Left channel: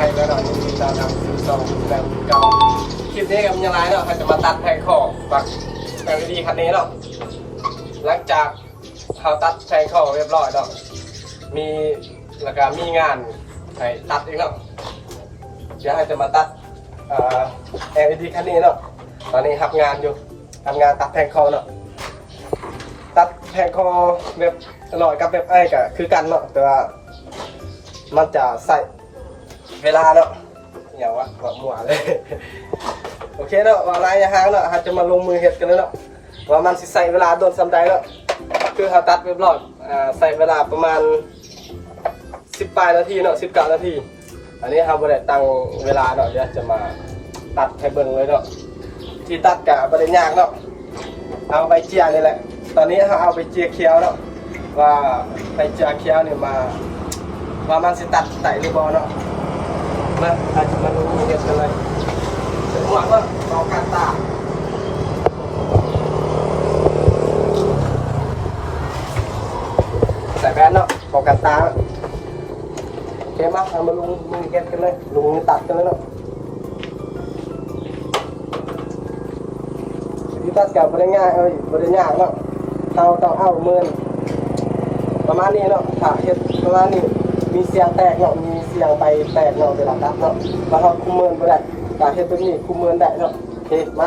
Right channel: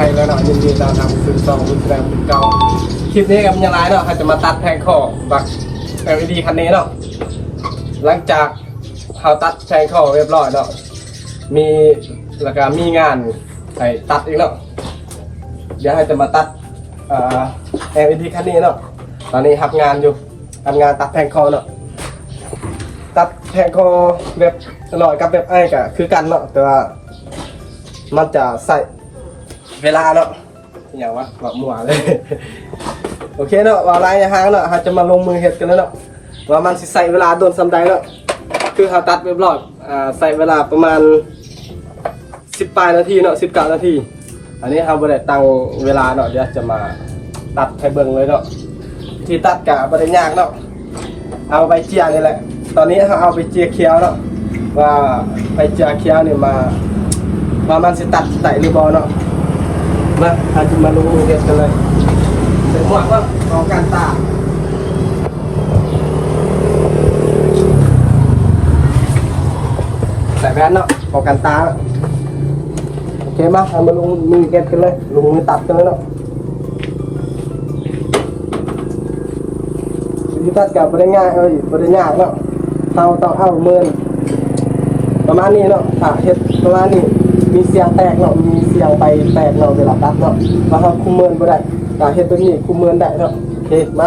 ให้แล้วนะยินดีนะนะคุณสองคุณแรงคุณเก่าคลิปนี้กับยาลายเนาะเขาจะมาตัดแทงข้อบักเอลดีคันนี้เนาะหลังจากเขาตัดแทงคอเรียบร้อยเนาะมีแล้วก็มีงานไอ้ตัดอีกเนาะเดี๋ยวเขาจะมาตัดแอ่อ LED คันนี้เนาะตอนนี้ทำงานอยู่ทำงานตัดแทงคอเนาะตัดแทงคอแบบตลอยกับแบบไอ้กะคือกันเนาะแต่ว่ามันจะใส่ เวลาเนาะอย่างว่าแบบมัวเลย โอเคเนาะว่าไรทางเนาะเราจะมาลงมือเฮ็ดกันแล้วเนาะว่ามันสิใส่เวลาโดนสำใดเนาะคือเขาตัดเรีบร้อยอ่าใส่เวลาประมาณ10ปลายนาทีเนาะ19นาที อันนี้เขาบ่ได้ตั้งเวลาเนาะเดี๋ยวจะมาตัดให้เบิ่งเลยเนาะที่ตัดกะบ่ได้ยากเนาะเอาไปเจียนี่แหละ ตอนนี้เขาเอาไปเจียเคียวเนาะว่าไปเจียเคียวเนี่ยมาว่ามันสิตัดไตหรือบ่เนาะ มาเราจะมาลงมือเฮ็ดกันเลยผมบอกว่าของการตากใส่แว่นเนาะของการตากโอเคมาเอามาลงมือเก็บกันเลยลงมือตัดกันเลยเนาะวิธีตัดกับไม่ได้ง่ายเลยไม่ได้ยากเนาะเราต้องเอามือประมาณนี้เนาะถ้าเฮ็ดประมาณนี้ มีเสียงแตกเนาะมีเสียงไปแตกเราเวลาตัดเนาะมาทำคุมเมินก็ได้ถ้าเฮ็ดตัวนี้คุมเมินได้เนาะโอเคมา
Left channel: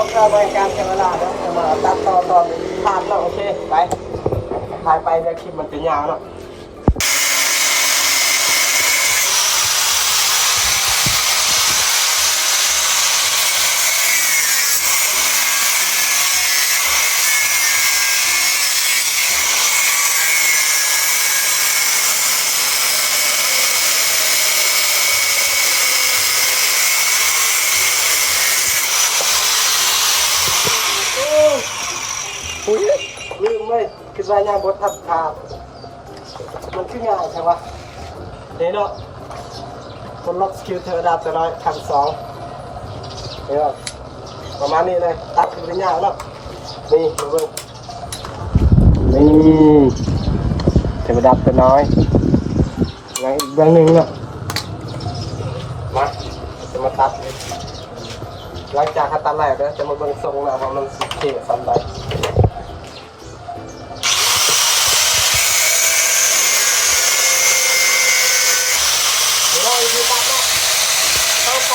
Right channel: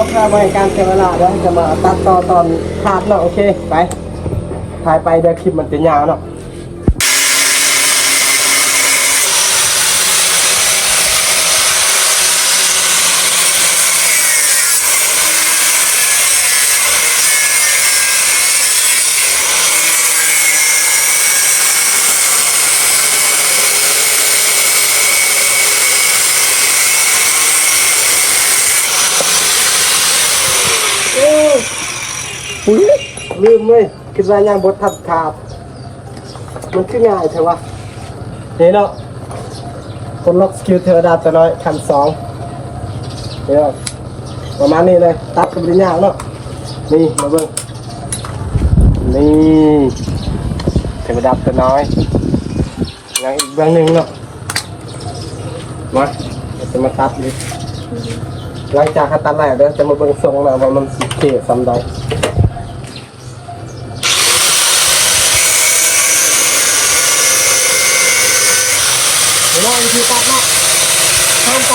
อเคเราทำให้การเสียเวลาแล้วจะมาตัดต่อตอนขาดเนาะโอเค ไปถ่ายไปเดี๋ยวคลิปมันจะยาวเนาะ อุ้ยลืม เลยคิดว่ายังบททัดขาด มันคือง่ายใช่ปะนี่เนาะคนล็อกสกิลเทอร์ดาตัวน้อยขั้นสองนี่เนาะประมาณนี้เลยตัดกันเป็นยากเนาะนี่มาเบิ่งนี่เทอร์ดาตัวน้อยยังอีกเบื้องหนึ่งเนาะมาจะมาตัดเลยหลังจากเขาตัดแล้วเดี๋ยวจะมาเบิ่งทรงนะว่ามันสิเท่ซ้ำใด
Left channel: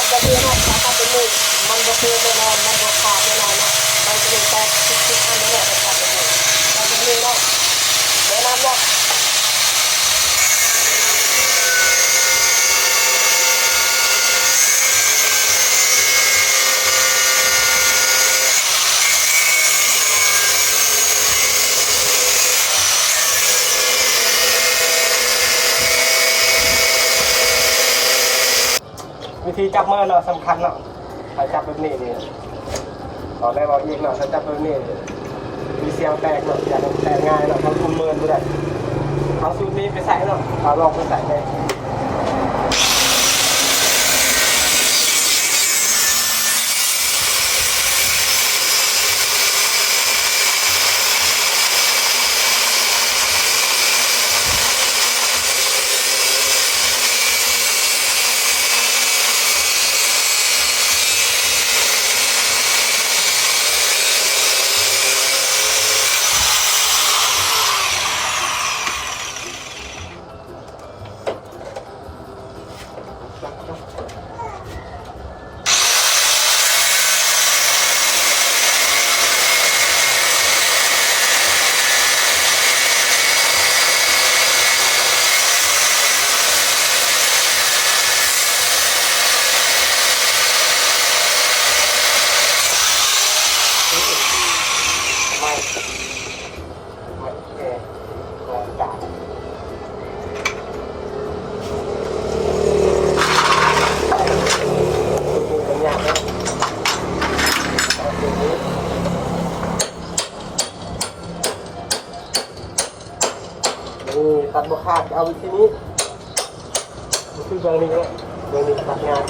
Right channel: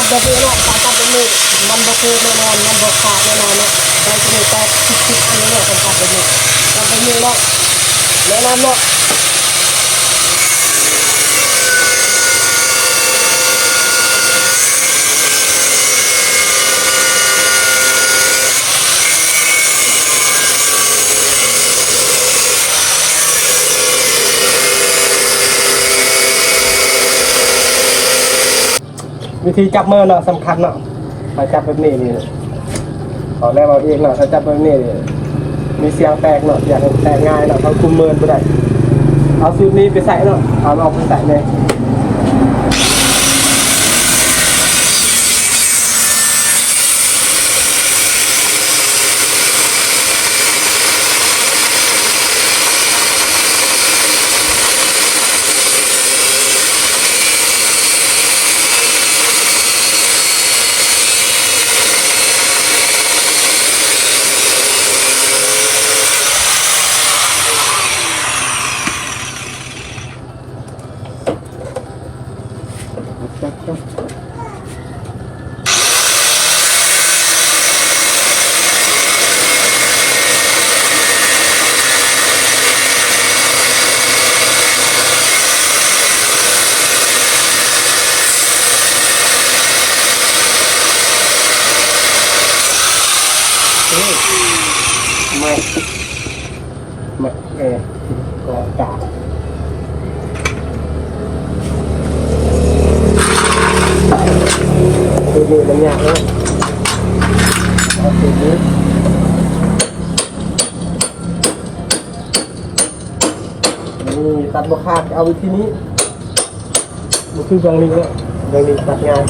ห้ามตัดแบบนี้เนาะสายตัดแบบนี้มันบกเกแน่นอนมันบกขาดแน่นอนเนาะใจจะไม่ตัดคิดๆอันนี้เนาะตัดแบบนี้ตัดแบบนี้เนาะแนะนำเนาะ วิธีจับมือเนาะสำคัญเนาะมาจับแบบนี้นี่ตอนแรกเอาเองเนาะถ้าจับแบบนี้มีเสียงแตกเนาะเสียงแตกง่ายเนาะเขาคุมมือไม่ได้เอาสูตรนี้ไปใส่เนาะเอาลองไปใส่เลย นี่ไม่ไม่เออก็กาดูดีบางอย่างนะเอาสูตรนี้นี่ ตัดบกขาดเอาวิธีนี้มันคือบางนี้แล้วบางนี้ตัดงาน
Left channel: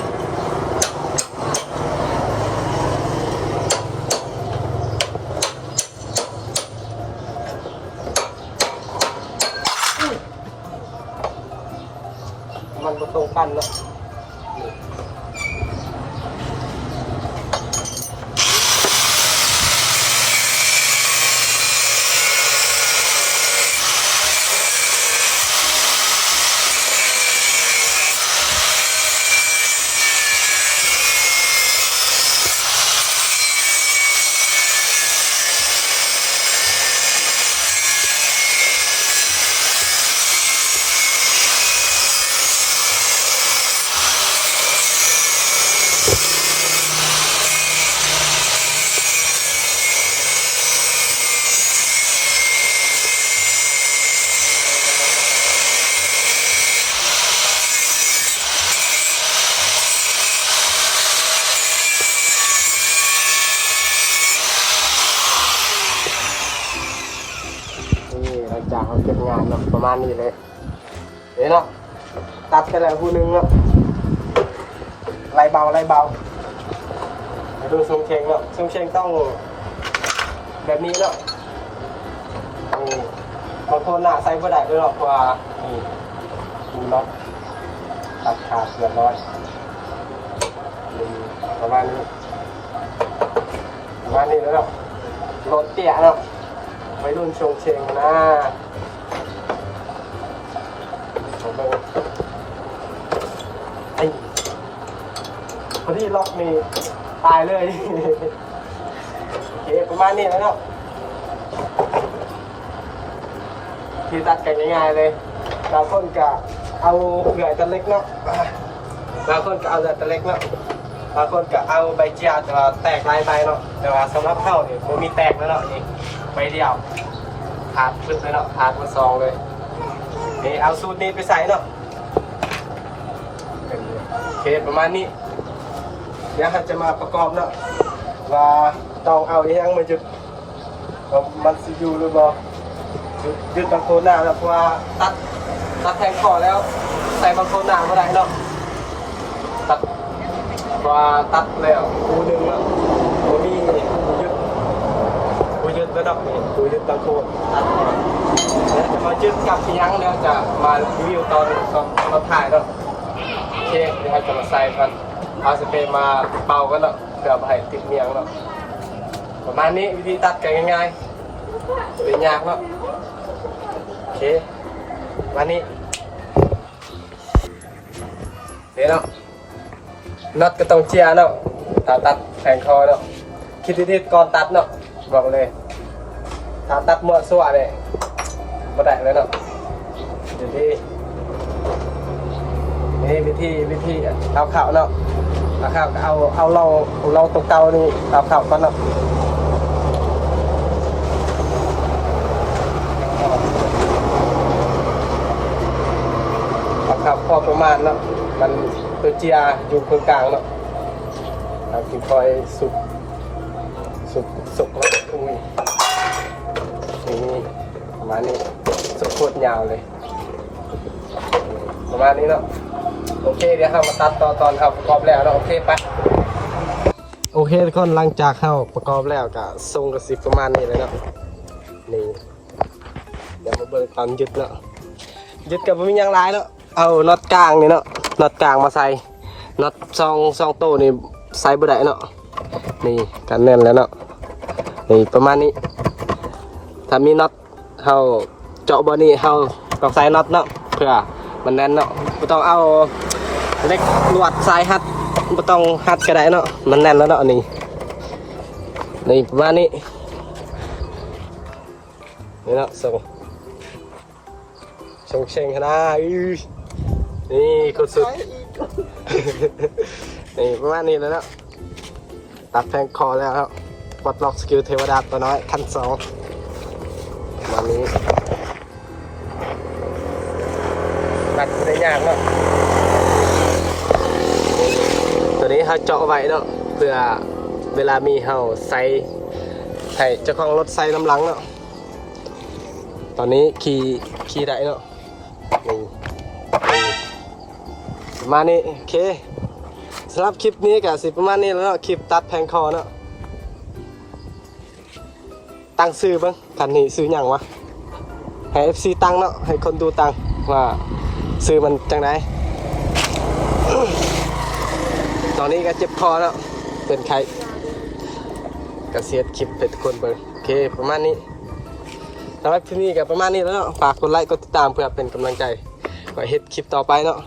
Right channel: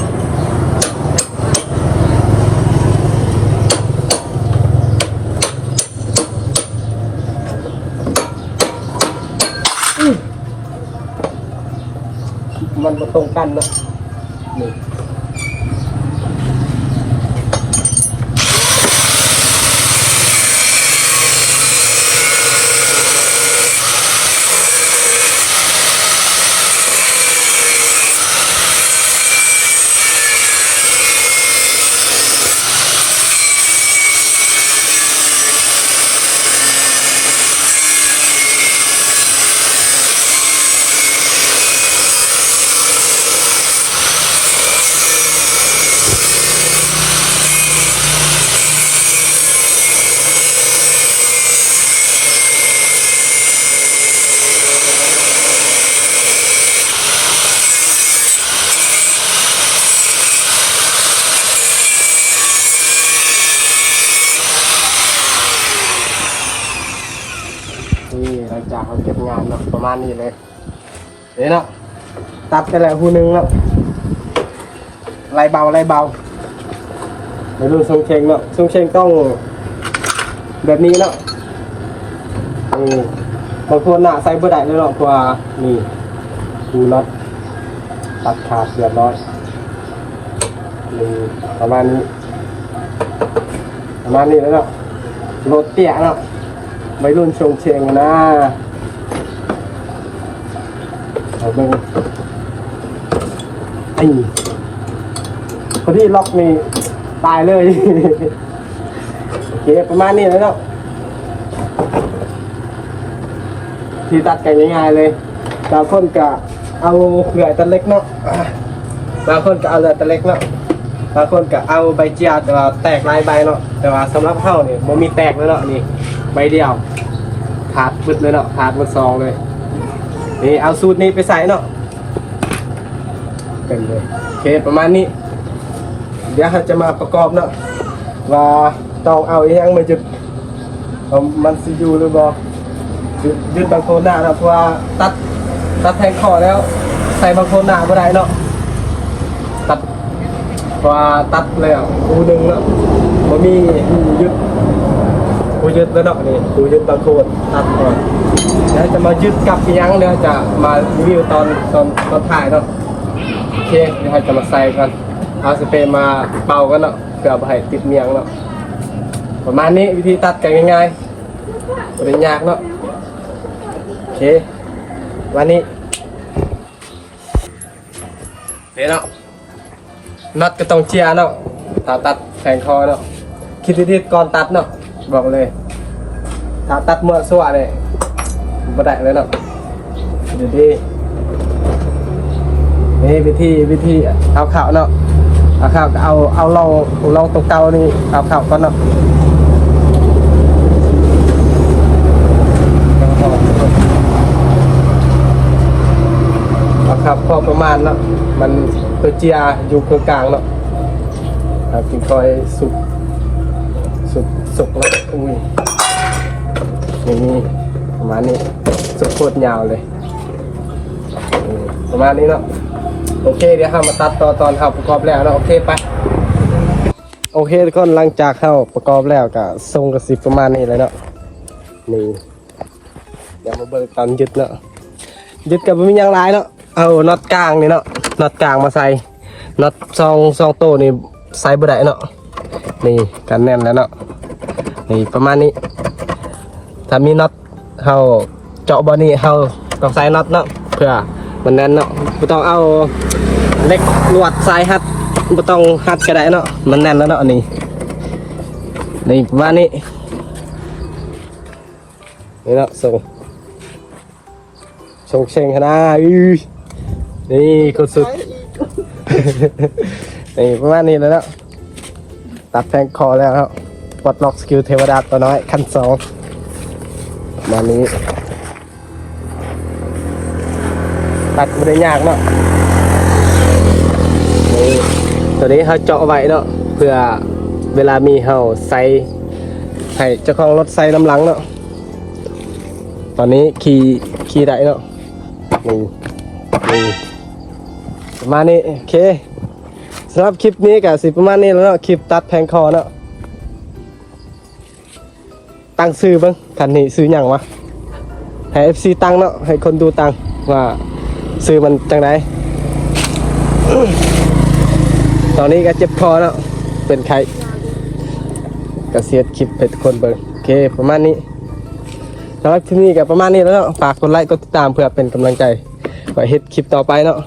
มันมาตรงกันนะนี่หลังจาก เนาะประมาณนี้เลยนี่เนาะตัดไปแล้วผู้หนึ่งเนาะไรเบาไรเบาไปดูทรงเชงเนาะทรงเชงต้องแบบนี้เนาะนี่บางคนหน้าใส่เบอร์ได้เลยเนาะเพราะว่านี่ดูน็อตตัดขาดเรียบร้อยนี่ประมาณนี้ประมาณนี้แล้วเนาะรถเตี้ยเนาะไม่รุ่นชงเชงนะ เอาเบิ่งนี่พอดีล็อกนี่ตายเลย โอเคประมาณนี้แล้วเนาะที่ตัดกันง่ายๆเลยบางคนก็เอาเหลือตัดเล็กเนาะบางคนก็เอาเหลือตัดเล็กเนาะบางคนก็เอาใบเจียแต่ว่าแตกลายใบเนาะแต่ว่าสำหรับเฮาเนี่ยบ่มีแตกเลยเนาะนี่ใบเดียวขาดบึดเลยเนาะขาดบึดซองเลย นี่เอาสูตรนี้ไปใส่เนาะกันเลยโอเคประมาณนี้ เดี๋ยวเราจะมาประกอบเนาะว่าต้องเอาอหยังมาจุดมันสิอยู่หรือบ่ยึดยึดบางโคนหน้าแล้วเพราะว่าตัดตัดแทงคอแล้ว ใส่บางโคนหน้าไม่ได้เนาะตัดเพราะว่าตัดแล้วอูดึงเนาะผมมีอูยึด อูยึดแล้วเนาะนี่อูยึดบางโคนตัดก่อนเดี๋ยวจะมายึดกับยังแล้วจะมารีวิวตอนตอนตอนถ่ายเนาะโอเคเดี๋ยวให้จะมาใส่กันเอาสเปรย์มาเป่ากันเนาะเพื่อเอาไปให้ติดเมียงเนาะประมาณนี้วิธีตัดกันง่ายๆปริญญากเนาะโอเควันนี้เดี๋ยวเนาะนัดก็ต้องเชียร์เนาะถ้าตัดแขนคอเนาะคิดดีๆก่อนตัดเนาะ บอกเลยถ้าตัดเมื่อสั่วเลยบ่ได้เลยเนาะเดี๋ยวดีนี่วิธีวิธีเอาข่าวเนาะเอาข่าวเอาเอาลองลองตัวเก่านี่เอาข่าวก่อนเนาะเอาข่าวพอประมาณเนาะมันตัวเจียอยู่ตรงกลางเนาะเอากินคอยสุก สุดสุดอุ้ยนี่ประมาณนี้สุดโคตรยาวเลยประมาณนี้เนาะโอเคเดี๋ยวเรามาตัดต่อตอนเข้าประกอบแล้วเนาะโอเคไปโอเคทุกคนหลังจากเข้าประกอบแล้วก็ทรงกระสิบประมาณนี้เลยเนาะนี่เดี๋ยวมาเบิกตอนยึดเนาะยึดกับไม่มียังหลายเนาะเอาน็อตกลางนี่เนาะน็อตกลางมาใส่น็อตซองซองโตนี่ใส่บ่ได้เนาะ นี่กันแน่นแล้วเนาะนี่ประมาณนี้ถ้ามีน็อตเฮาเจาะบอนี่เฮาต้องใส่น็อตเนาะเพื่อมันแน่นเนาะไม่ต้องเอาเหล็กลวดสายฮัดไม่ต้องฮัดก็ได้เนาะมันแน่นแล้วเนาะนี่นี่ประมาณนี้นี่เนาะส่งส่งเชงขนาดอื้อนี่โคตรสุดนี่ประมาณนี้แล้วเนาะ ตัดแพงคอแล้วครับวัดล็อกสกิลเทวดาตัวน้อยขั้นสองมานี้ ตัดไม่ได้ยากเนาะตัวนี้เขาเจาะไว้เนาะเพื่อเวลามีเฮาใส่ให้เจ้าของรถใส่น้ำหลังเนาะตอนนี้ขี่ขี่ได้เนาะนี่นี่มานี้โอเค สำหรับคลิปนี้กับสิประมาณนี้แล้วเนาะคลิปตัดแพงคอเนาะตั้งซื้อบ้างทันนี้ซื้อหยังวะให้ FC ตั้งเนาะให้คนดูตั้งว่าซื้อมันจังไดตอนนี้ก็เจ็บคอเนาะเป็นไข้กระเสียดคลิปให้ทุกคนเบิ่งโอเคประมาณนี้สำหรับคลิปนี้กับประมาณนี้แล้วเนาะฝากกดไลค์กดติดตามเพื่อเป็นกำลังใจไว้เฮ็ดคลิปต่อไปเนาะ